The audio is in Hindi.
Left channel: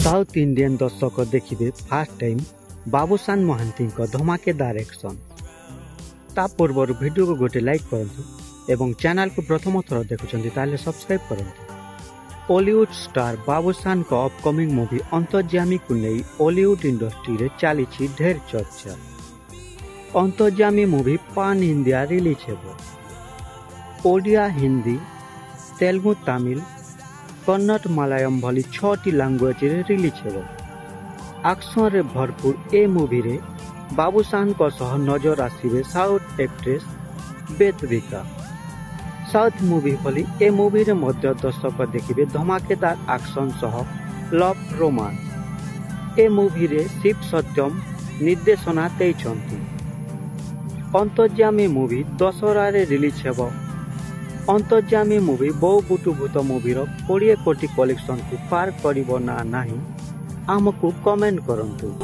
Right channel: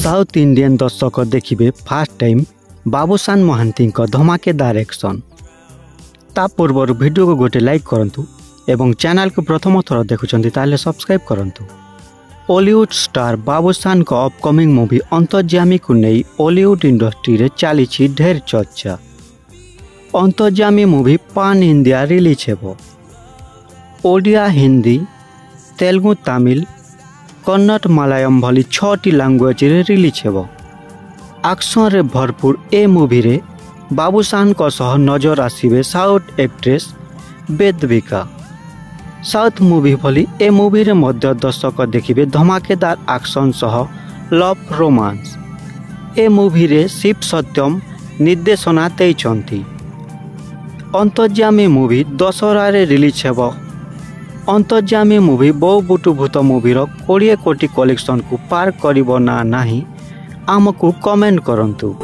साउथ इंडियन दर्शक देखिए फास्ट टाइम बाबूसान महांती धमाकेदार एक्शन। ता पूर्व वीडियो को गोटे लाइक करंतु एवं चैनल को प्रथम थर देखुचंती ताले सब्सक्राइब करंतु। बॉलीवुड स्टार बाबूसान को अपकमिंग मूवी अंतर्जामी को नहीं बॉलीवुड इंडस्ट्री रे चली ढेर चर्चा। अंतर्जामी मूवी पान इंडिया रिलीज हेबो। ओडिया, हिंदी, तेलुगु, तमिल, कन्नड़, मलयालम भली 6टी लैंग्वेज रे रिलीज हेबो। एक्शन रे भरपूर ए मूवी रे बाबूसान को सह नजर आसीबे साउथ एक्ट्रेस वेदविका। साउथ मूवी भली ए मूवी रे मध्य दर्शक देखिबे धमाकेदार एक्शन सह लव रोमांस। ए मूवी रे शिव सत्यम निर्देशना देइछंती। अंतर्जामी मूवी दशहरा रे रिलीज हेबो। अंतर्जामी मूवी बहु बुटु भूत मूवी 20 कोटी कलेक्शन को पार करिबो ना नाही आमको कमेंट करंतु।